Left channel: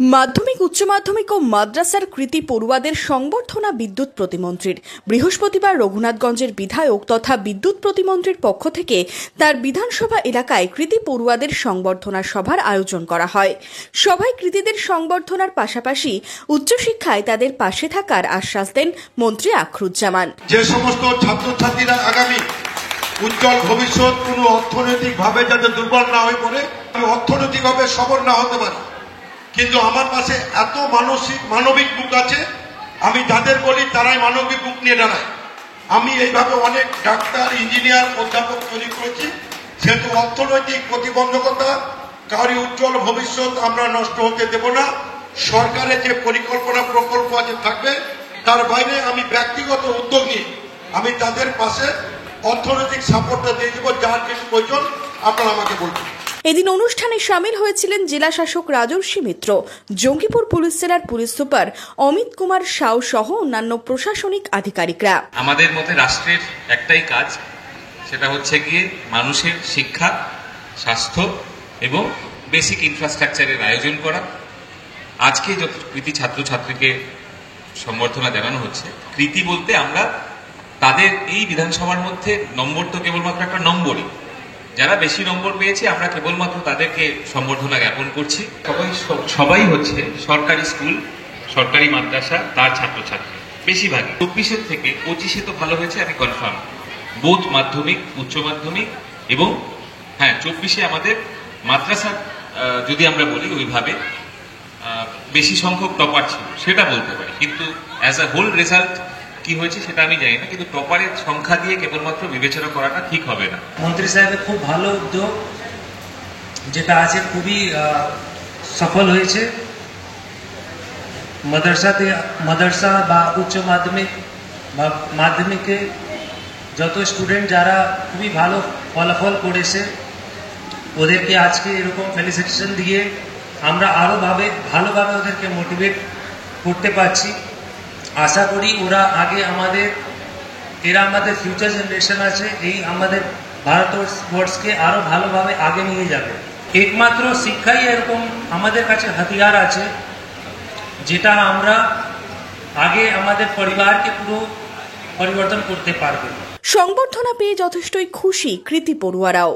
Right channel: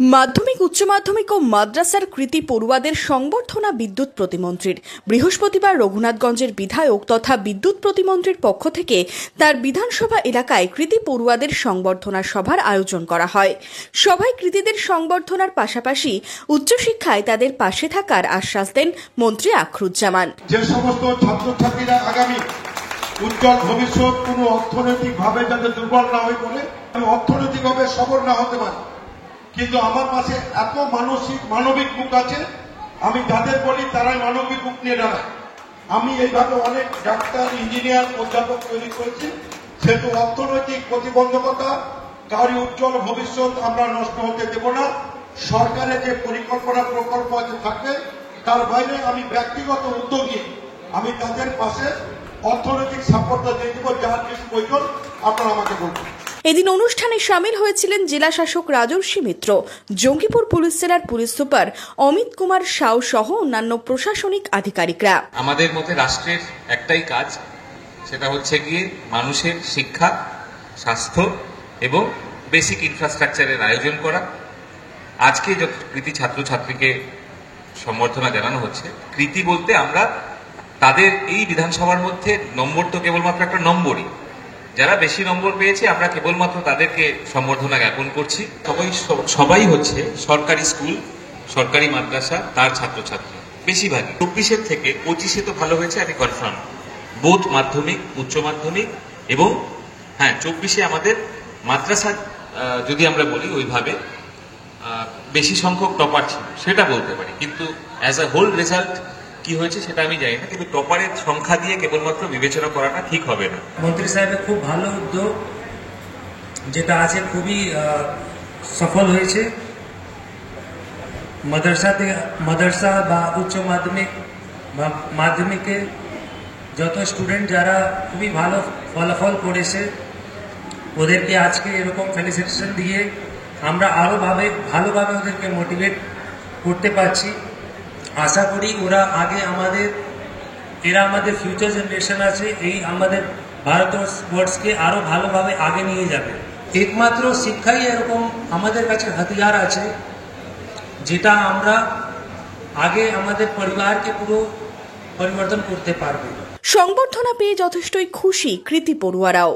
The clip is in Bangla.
মাধ্যমিক উচ্চ মাধ্যমিক ও মাদ্রাসার কৃতি পড়ুয়াদের সংবর্ধনা বিদ্যুৎ প্রতিমন্ত্রীর। বৃহস্পতিবার রঘুনাথগঞ্জের বিধায়ক তথা বিদ্যুৎ প্রতিমন্ত্রীর পক্ষ থেকে তার বিধানসভা এলাকায় কৃতি পড়ুয়াদের সংবর্ধনা সভার আয়োজন করা হয়। সভায় কৃতিদের সংবর্ধনার পাশাপাশি উচ্চশিক্ষায় তাদের পাশে থাকার আশ্বাস দেন মন্ত্রী আখরুজ্জামান। যে সমস্ত ছাত্রছাত্রীরা আগামী উজ্জ্বল ভবিষ্যৎ কোনো অর্থনৈতিকভাবে যাতে দুর্বল না হয়ে পড়ে, অর্থনৈতিকভাবে সবল না হতে পারে, কিন্তু আমার পাশে এত মানবিক বুক আছে, আমি যাদের বলি তারাই মানবিক বুক নিয়ে দাঁড়ায়। আমি এইভাবে অনেক ডাক্তার, ইঞ্জিনিয়ার, অধ্যাপক তৈরি করেছি। সেহেতু অর্থনৈতিক প্রতিবন্ধকতা, কারি উজ্জ্বল ভবিষ্যৎ আমরা নষ্ট হতে দেব না। সরকারের যে পরিকল্পনা প্রকল্প আছে থাকবে, তার বাইরে আমি ব্যক্তিগত উদ্যোগ নিয়ে আমি তাদের পাশে অর্থনৈতিক সাপোর্টটা দিয়ে দেবো। যার কিছু প্রয়োজন আপনারা আমাকে বলবেন। এদিন অনুষ্ঠানে সামিল হয়েছিলেন জেলা শাসক রাজর্ষি মিত্র, জঙ্গিপুর পুলিশ জেলার পুলিশ সুপার অমিত কুমার সাউ সহ অন্যান্য প্রশাসনিক আধিকারিকরা। আমাদের মতে রাষ্ট্রের একটাই কাজ, সেটা হচ্ছে গিয়ে মানুষের শিক্ষা, স্বাস্থ্য এবং বেসিক ইনফ্রাস্ট্রাকচারের আয়োজন করা। আজকে যত কৃতি ছাত্রছাত্রীকে সম্বর্ধনা জানানো হচ্ছে, কৃতি বলতে আমরা তাদের এই বিধানসভার মধ্যে নম্বর তো কেবলমাত্র একটা নম্বরই, যারা বেশি নম্বর পেয়েছে আমরা কেবলমাত্র তাদেরকে সম্বর্ধনা জ্ঞাপন করছি। সবাই হচ্ছে সরকারি স্কুল, সরকারি মাদ্রাসা, তার ছাত্রছাত্রী বেশিরভাগই। 24-এর থেকে 25-এ তো ভালো হয়েছে, আমি কনফার্ম। বোথ মাধ্যমিক, উচ্চ মাধ্যমিক এবং 24-এ আমাদের মাদ্রাসা যদি আমরা বলি ওইভাবে বেশি সংখ্যক টপার ছিল, সেটা বলতে পারি। কিন্তু অ্যাজ আ হোল রেজাল্ট কি হয়েছে সেটা আমি জানি না, কিন্তু টপারের সংখ্যা দিয়ে কেবলমাত্র বিবেচনা করাটা ঠিক হবে না। মন্ত্রী সাহেবের খুব ভালো উদ্যোগ, যেটা আছে খুবই সফল হয়েছে। মাদ্রাসা বা উচ্চ মাধ্যমিক বা মাধ্যমিকে যত স্টুডেন্ট যারা খুবই ভালো ফলাফল করেছে, ওদেরকে আজকে এরকম ফেলিসিটেশন দিয়ে আমরা আরও ভালোভাবে ওদেরকে মোটিভেট করতে পারছি। আশা করি এরা আমাদের ফিউচার জেনারেশন আছে, এই আমাদের ভারতবর্ষকে আরো ভালোভাবে আগে নিয়ে যাবে। একমাত্র শিক্ষাই এরকম আমাদের কাছে হাতিয়ার আছে, যেটা আমরা আগে আমাদের পরিবারকে পুরো পরিবর্তন করতে পারবো। সংবর্ধনা পেয়ে যথেষ্টই খুশি কৃতি পড়ুয়ারাও।